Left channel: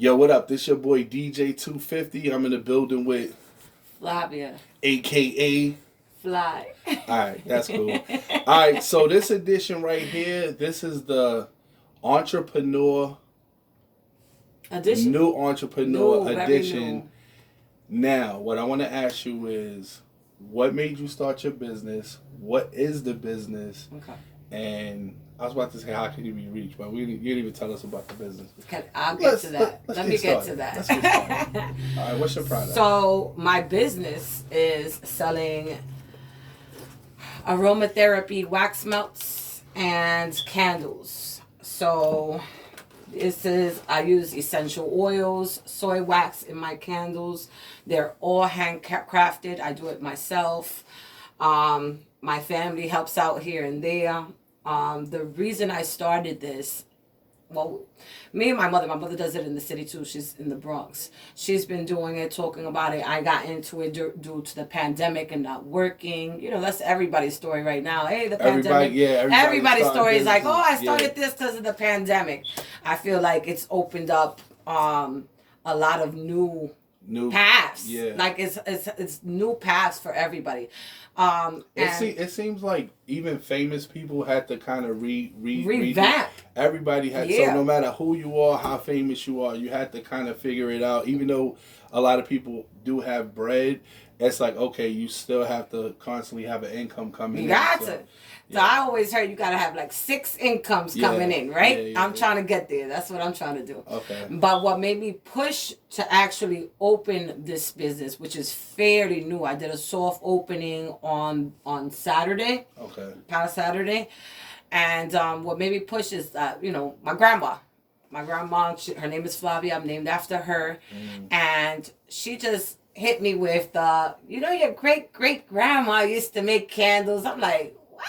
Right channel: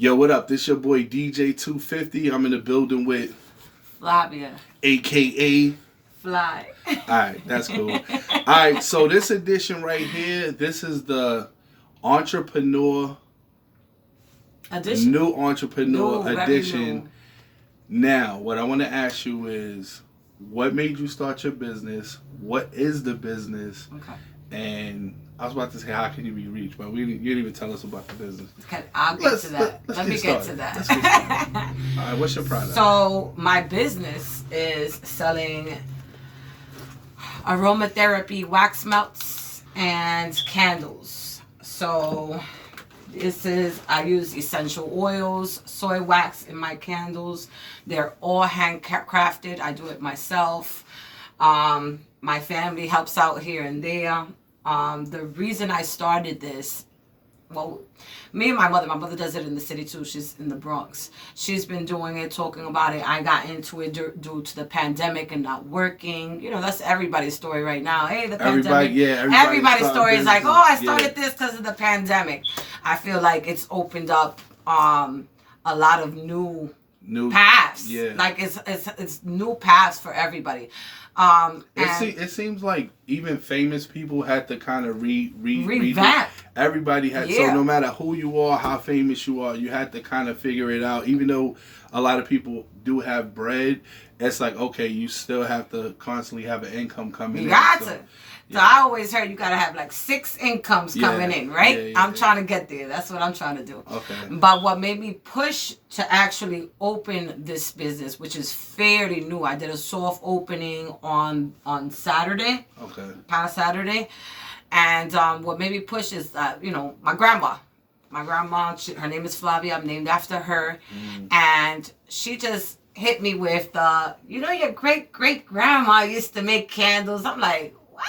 Yo, what up? This your boy DJ 250. I'm in the building with Flavia. AKA Fly. Alright, that's cool. Alright, so this edition right here, this is the entrepreneur Edition. new entrepreneur New, very edition. new. Now, what I want to ask you is, what made you start your business? What is the business? Okay. And I was about to say, how can you be reached? But you didn't even tell us about the business. Okay, I'll get to that. Let me get to that. Let's get started. All right, what's your product? So my business is selling aromatherapy wax melts and candles. So I use essential oils, soy wax in my candles. They're all handcrafted. I do it myself. My family helps out here and there. The reason I started this, well, me and my mother does it in the city too. She's in the Bronx. She's been doing it, talking about it. I got into it due to the pandemic and not working. You know, that's everybody's story right now. Hey, the pandemic. Everybody's story is like, oh, I started this because of the pandemic. I feel like it's opened up a lot of new paths. Yeah. Like it's new paths for everybody. It seems like even famous people had to kind of revamp. Everybody had, so no matter who you are, how famous you are, you had to kind of figure it out. Even though a lot of people do have bread, it's like, okay, you still have to constantly have an income coming in. You got to. So I always heard you got to have like 6 incomes coming in, right? I'm trying to get there. That's what I'm trying to do. Okay. But what made me push to actually open this business, which is fairly new, I did a soft opening on Saturday. Okay. Past Saturday. And what made me push is that, my grandma. My grandma, her name is Flavia. I'm named after her. And she just hit me with, your great-great-grandma used to make candles. I'm like, what?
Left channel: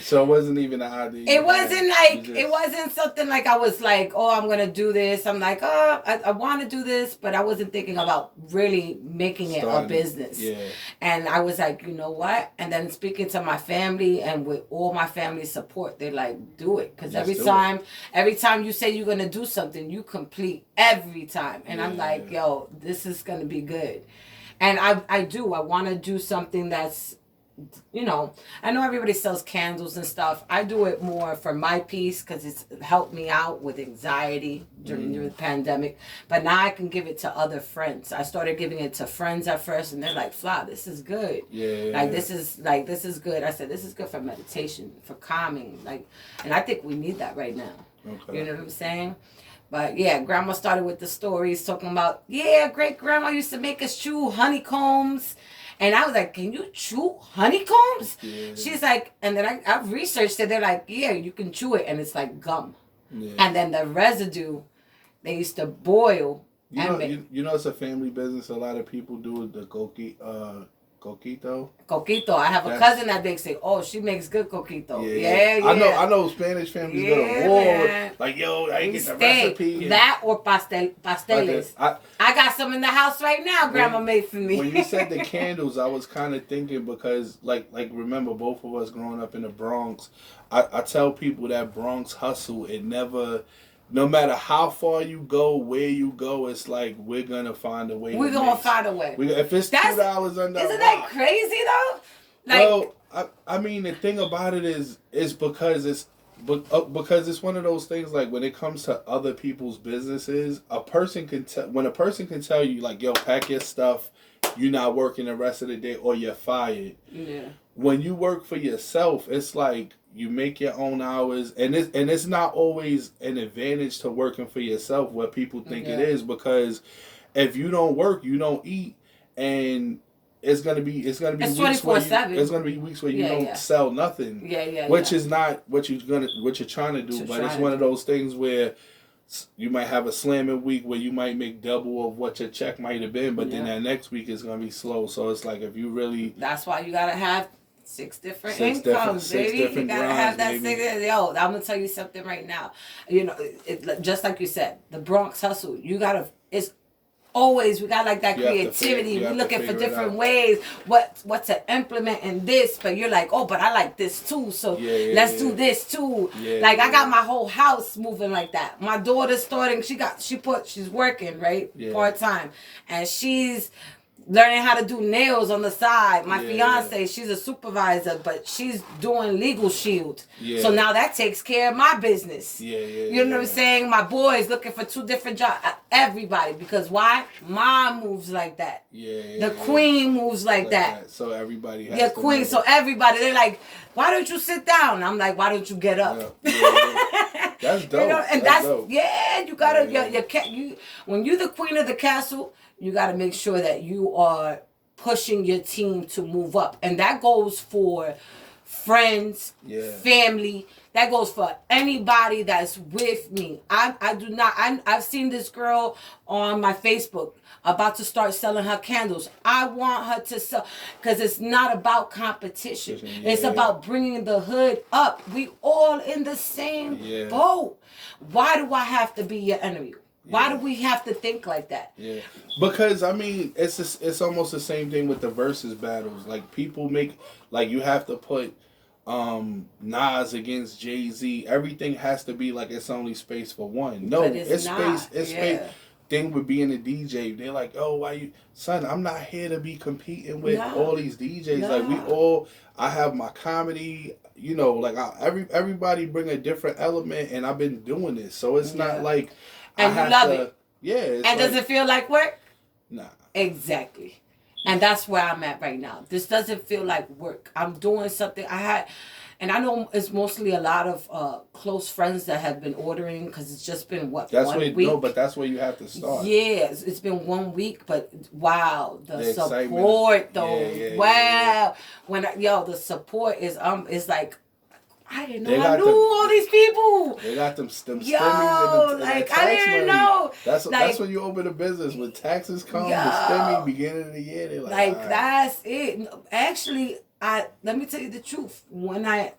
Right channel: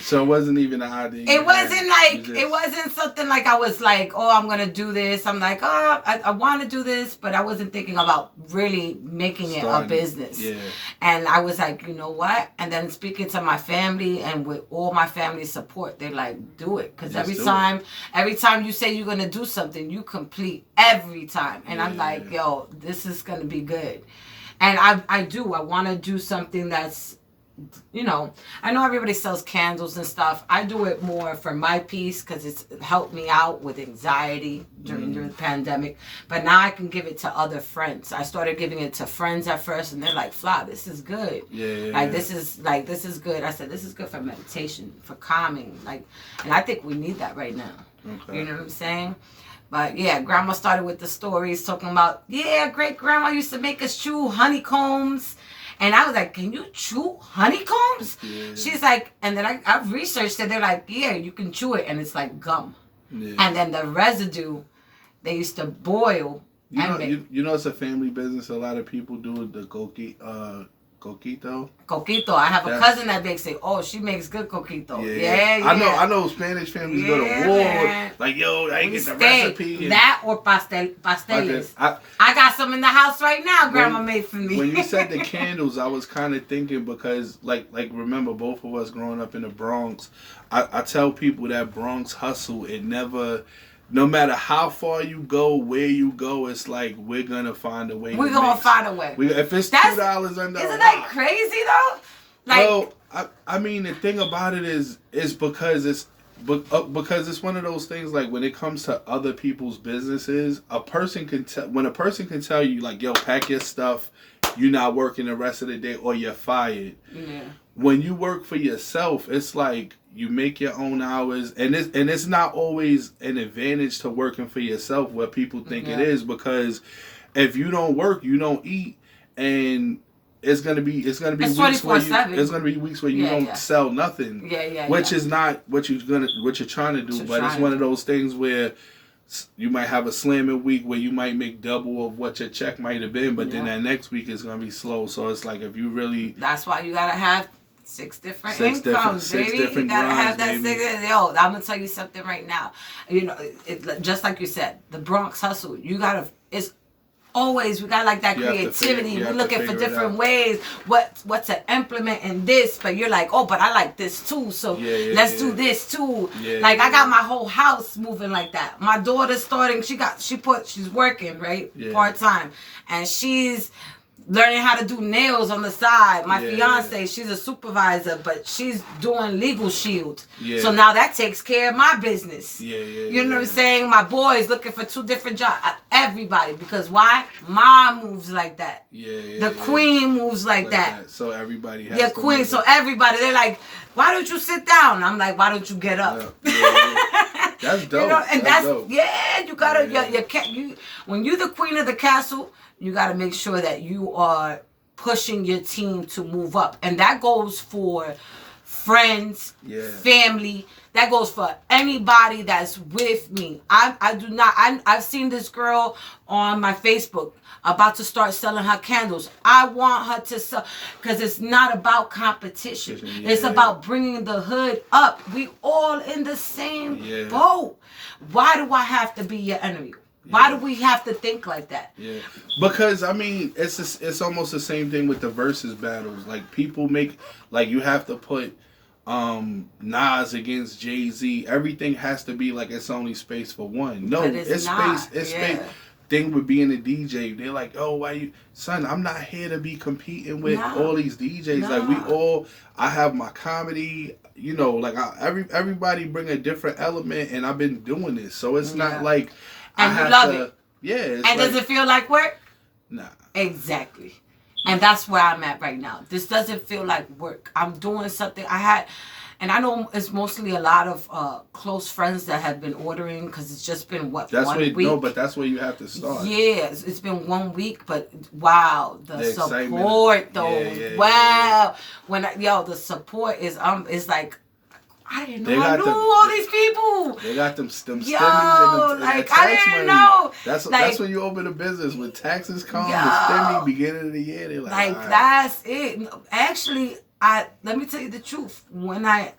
So it wasn't even an idea. It wasn't something like I was like, oh, I'm going to do this. I'm like, oh, I want to do this, but I wasn't thinking about really making it a business. Yeah. And I was like, you know what? And then speaking to my family and with all my family's support, they're like, do it. Because every time you say you're going to do something, you complete every time. And I'm like, yo, this is going to be good. And I want to do something that's, I know everybody sells candles and stuff. I do it more for my piece because it's helped me out with anxiety during the pandemic. But now I can give it to other friends. I started giving it to friends at first, and they're like, "Fly, this is good. This is good." I said, "This is good for meditation, for calming." And I think we need that right now. Okay. You know what I'm saying? But yeah, Grandma started with the stories talking about, great grandma used to make us chew honeycombs. And I was like, can you chew honeycombs? Yeah. She's like, and then I've researched it. They're like, yeah, you can chew it. And it's like gum. Yeah. And then the residue, they used to boil. It's a family business. A lot of people do the coquito. Coquito. I have a cousin that makes it. Oh, she makes good coquito. Yeah. I know Spanish families go to war. Man. Like, yo, I ain't get the recipe. That or pasteles. I got some in the house right now. Grandma made for me. When you said the candles, I was kind of thinking because, like remember, both of us growing up in the Bronx. I tell people that Bronx Hustle, it never. No matter how far you go, where you go, it's like we're gonna find a way. We're gonna find a way. If it's $2 under, isn't that crazy though? I mean, the thing about it is because it's one of those things. Like when it comes to other people's businesses, a person can tell you like, "Yo, pack your stuff. You're not working the rest of the day, or you're fired." Yeah. When you work for yourself, it's like you make your own hours, and it's not always an advantage to working for yourself what people think it is, because if you don't work, you don't eat, and it's gonna be weeks where you don't sell nothing. Which is not what you're trying to do, but it's one of those things where you might have a slamming week where you might make double of what your check might have been, but then that next week is gonna be slow. So it's like if you really, that's why you gotta have 6 different incomes, baby. You gotta have that 6. Yo, I'm gonna tell you something right now. Just like you said, the Bronx Hustle. It's always, we got like that creativity. We're looking for different ways, what to implement in this. But you're like, oh, but I like this too. So let's do this too. Like I got my whole house moving like that. My daughter's starting, she's working, right? Part-time. And she's learning how to do nails on the side. My fiance, she's a supervisor, but she's doing legal shield. So now that takes care of my business. You know what I'm saying? My boy's looking for 2 different jobs. Everybody. Because why? Mom moves like that. The queen moves like that. So everybody has to queen. So everybody, they're like, why don't you sit down? I'm like, why don't you get up? That's dope. You know, and that's dope. you gotta, when you're the queen of the castle, you got to make sure that you are pushing your team to move up. And that goes for friends, family. That goes for anybody that's with me. I've seen this girl on my Facebook about to start selling her candles. I want her to sell, because it's not about competition. It's about bringing the hood up. We all in the same boat. Why do I have to be your enemy? Why do we have to think like that? Because I mean, it's almost the same thing with the versus battles. Like people make, like you have to put Nas against Jay-Z. Everything has to be like it's only space for one. No, it's space. It's space. Thing with being a DJ, they're like, oh, why you, son? I'm not here to be competing with all these DJs. Like I have my comedy. You know, like everybody bring a different element, and I've been doing this, so it's not like. And you love it. Yeah. And does it feel like work? Nah. Exactly. And that's where I'm at right now. This doesn't feel like work. I'm doing something. And I know it's mostly a lot of close friends that have been ordering, because it's just been 1 week. No, but that's where you have to start. Yeah, it's been 1 week, but wow, the support though. Wow. The support is like, I didn't know I knew all these people. They got them stimmies and the tax I didn't know. That's when you open a business. When taxes come, the stimmy, beginning of the year, they're like that's it. Actually, let me tell you the truth. When I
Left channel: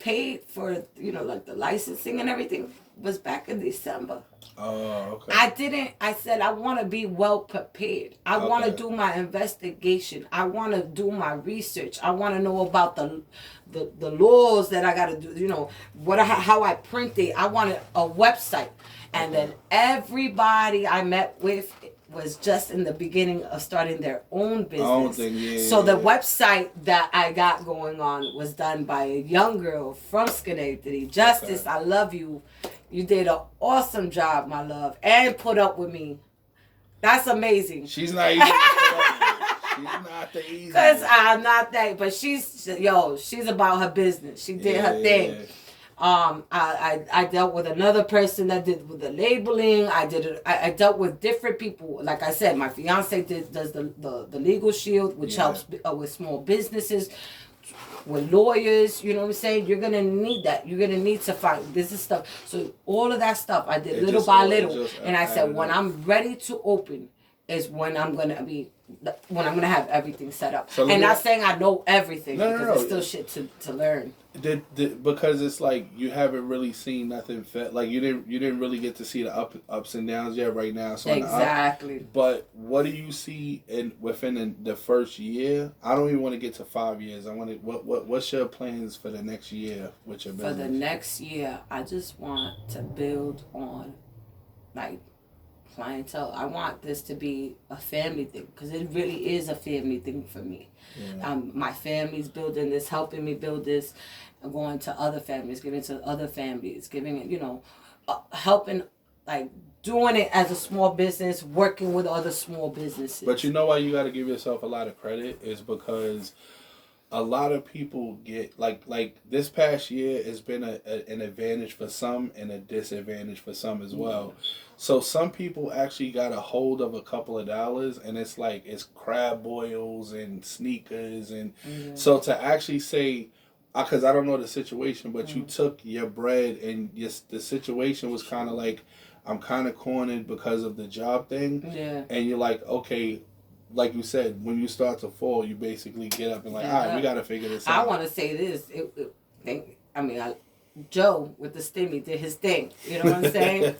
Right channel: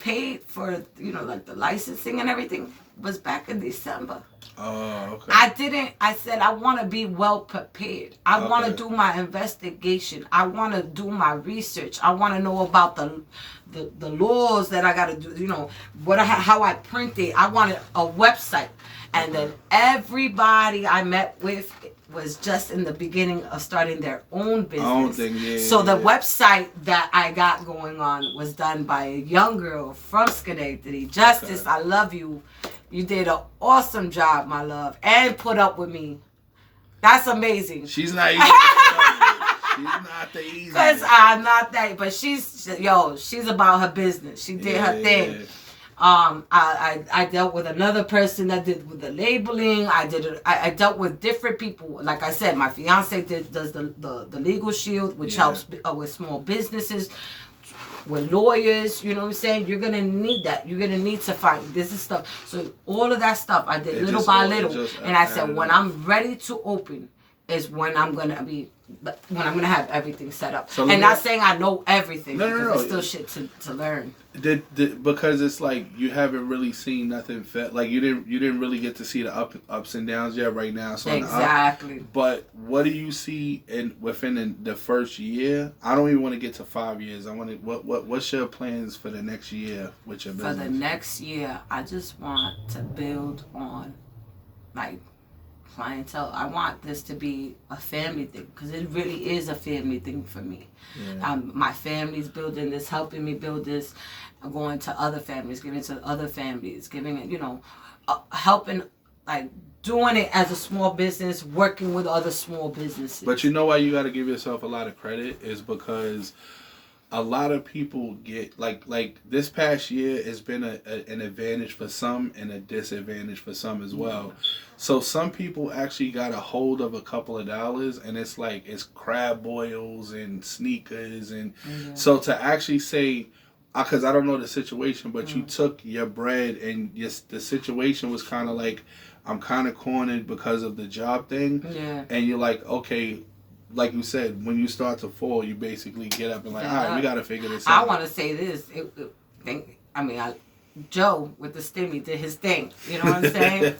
paid for, like the licensing and everything, was back in December. Oh, okay. I said I want to be well prepared. I want to do my investigation. I want to do my research. I want to know about the laws that I got to do, how I print it. I wanted a website. And then everybody I met with was just in the beginning of starting their own business. So the website that I got going on was done by a young girl from Schenectady. Justice, I love you. You did an awesome job, my love, and put up with me. That's amazing. She's not easy to put up with. She's not the easy. Because I'm not that, but she's about her business. She did her thing. I dealt with another person that did with the labeling. I dealt with different people. Like I said, my fiance does the legal shield, which helps with small businesses, with lawyers. You know what I'm saying? You're gonna need that. You're gonna need to find business stuff. So all of that stuff I did little by little, and I said when I'm ready to open is when I'm gonna have everything set up. So not saying I know everything, because there's still shit to learn. Because it's like you haven't really seen nothing like you didn't really get to see the ups and downs yet right now. So exactly. But what do you see within the first year? I don't even want to get to 5 years. I want to what's your plans for the next year with your business? For the next year, I just want to build on like clientele. I want this to be a family thing, because it really is a family thing for me. My family's building this, helping me build this. I'm going to other families, giving to other families, giving it, helping, like doing it as a small business, working with other small businesses. But you know why you got to give yourself a lot of credit is because a lot of people get like this past year has been an advantage for some and a disadvantage for some as well. So some people actually got a hold of a couple of dollars, and it's crab boils and sneakers, and so to actually say, because I don't know the situation, but you took your bread and the situation was kind of like, I'm kind of cornered because of the job thing, and you're like, okay. Like you said, when you start to fall, you basically get up and all right, we got to figure this out. I want to say this. Joe with the stimmy did his thing. You know what I'm saying?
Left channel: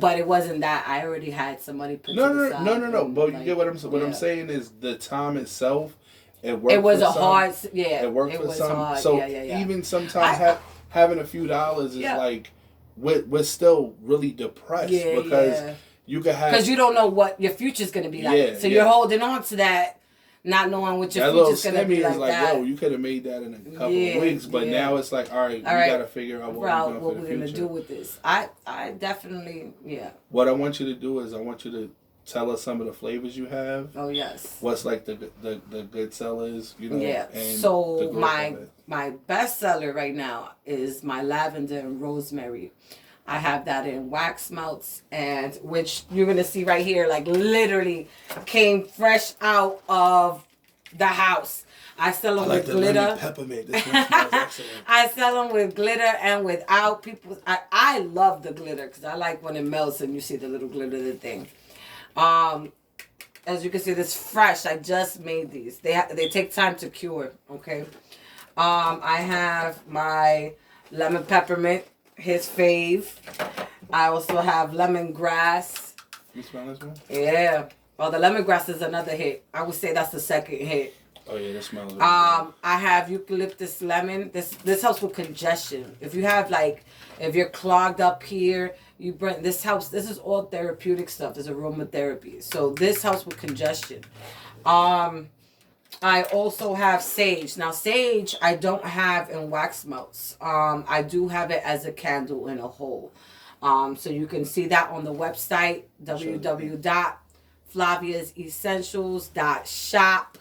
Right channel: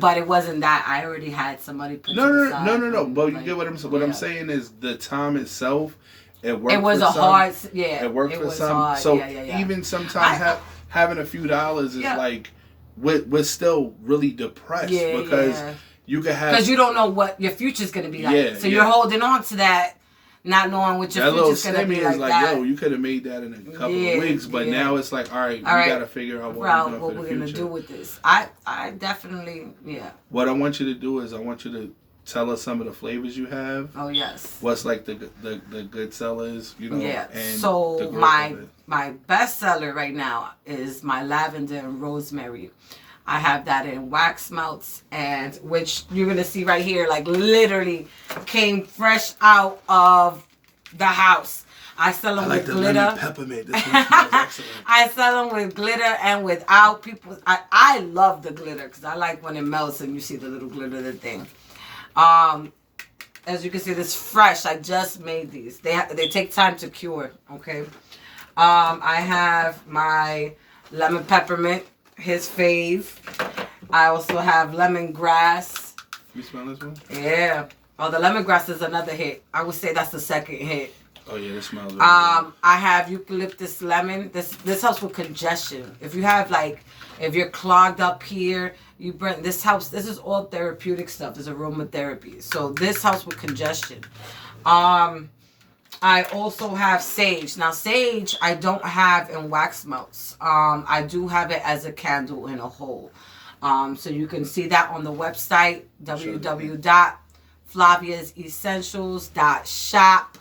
But it wasn't that. I already had somebody put No. But you get what I'm saying. What I'm saying is the time itself. It worked. It was for a some, hard. Yeah. It worked for some. Hard. So yeah. even sometimes having a few dollars is like we're still really depressed because you could have because you don't know what your future's gonna be like. So you're holding on to that. Not knowing what your future's gonna be like. Yo, you could have made that in a couple of weeks, but now it's like, all right, we gotta figure out what we're gonna do with this. I definitely, What I want you to do is I want you to tell us some of the flavors you have. Oh yes. What's like the good sellers, you know? Yeah. And so my best seller right now is my lavender and rosemary. I have that in wax melts, and which you're gonna see right here, like literally came fresh out of the house. I sell them with glitter. Lemon peppermint. This one smells excellent. I sell them with glitter and without. People, I love the glitter because I like when it melts and you see the little glitter thing. As you can see, this fresh. I just made these. They take time to cure. Okay. I have my lemon peppermint. His fave. I also have lemongrass. You smell this one? Yeah. Oh, the lemongrass is another hit. I would say that's the second hit. Oh yeah, this smells. I have eucalyptus lemon. This helps with congestion. If you have if you're clogged up here, you burn. This helps. This is all therapeutic stuff. This is aromatherapy. So this helps with congestion. I also have sage. Now, sage I don't have in wax melts. I do have it as a candle in a hole. So you can see that on the website, www.flaviasessentials.shop.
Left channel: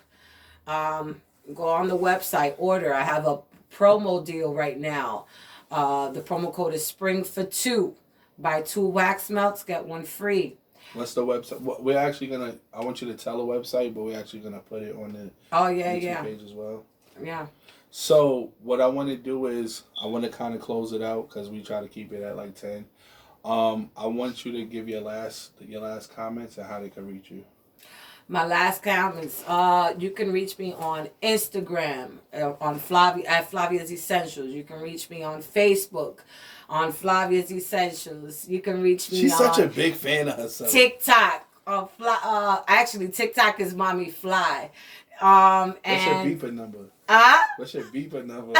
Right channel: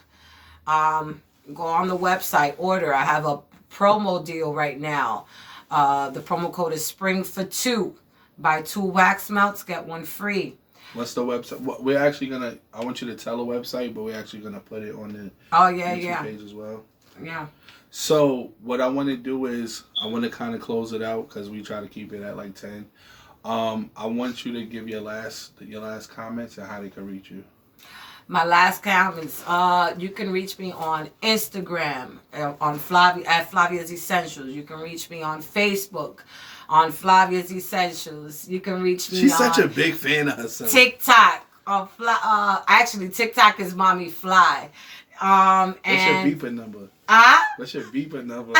Go on the website, order. I have a promo deal right now. The promo code is spring for 2. Buy 2 wax melts, get 1 free. What's the website? We're actually gonna. I want you to tell the website, but we're actually gonna put it on the YouTube page as well. Yeah. So what I want to do is I want to kind of close it out because we try to keep it at like 10. I want you to give your last comments and how they can reach you. My last comments. You can reach me on Instagram on Flavia at Flavia's Essentials. You can reach me on Facebook. On Flavia's Essentials. You can reach me She's such a big fan of herself. TikTok. Actually, TikTok is Mommy Fly. What's your beeper number? What's your beeper number?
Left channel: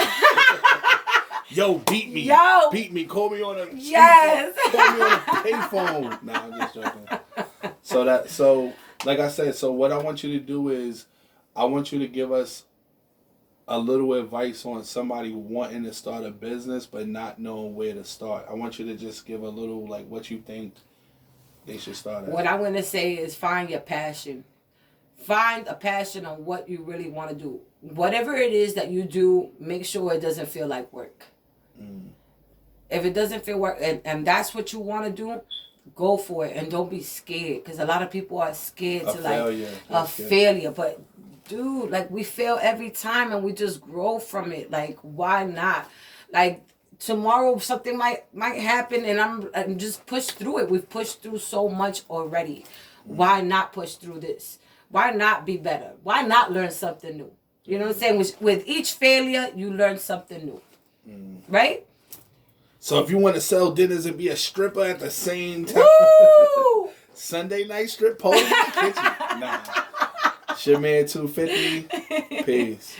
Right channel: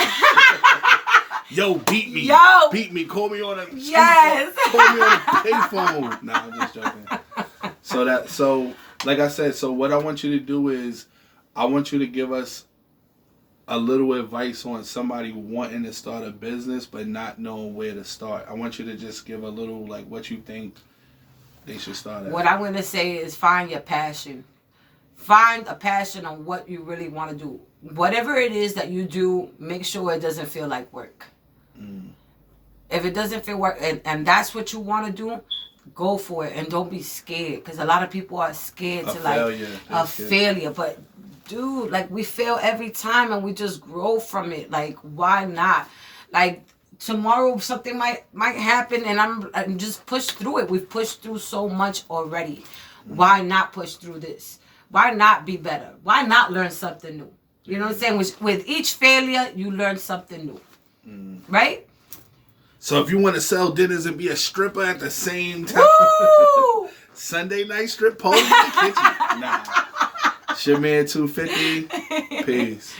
Yo, beat me. Beat me. Call me on a yes. Call me on a payphone. Nah, I'm just joking. So like I said, so what I want you to do is I want you to give us a little advice on somebody wanting to start a business but not knowing where to start. I want you to just give a little like what you think they should start at. What I want to say is find your passion. Find a passion on what you really want to do. Whatever it is that you do, make sure it doesn't feel like work. If it doesn't feel work and that's what you want to do, go for it and don't be scared because a lot of people are scared to failure. But dude, like we fail every time and we just grow from it. Like why not? Like tomorrow something might happen and I'm just push through it. We've pushed through so much already. Why not push through this? Why not be better? Why not learn something new? You know what I'm saying? With each failure, you learn something new. Right? So if you want to sell dinners and be a stripper at the same time, Sunday night strip pole in the kitchen. Nah. It's your man 250. Peace.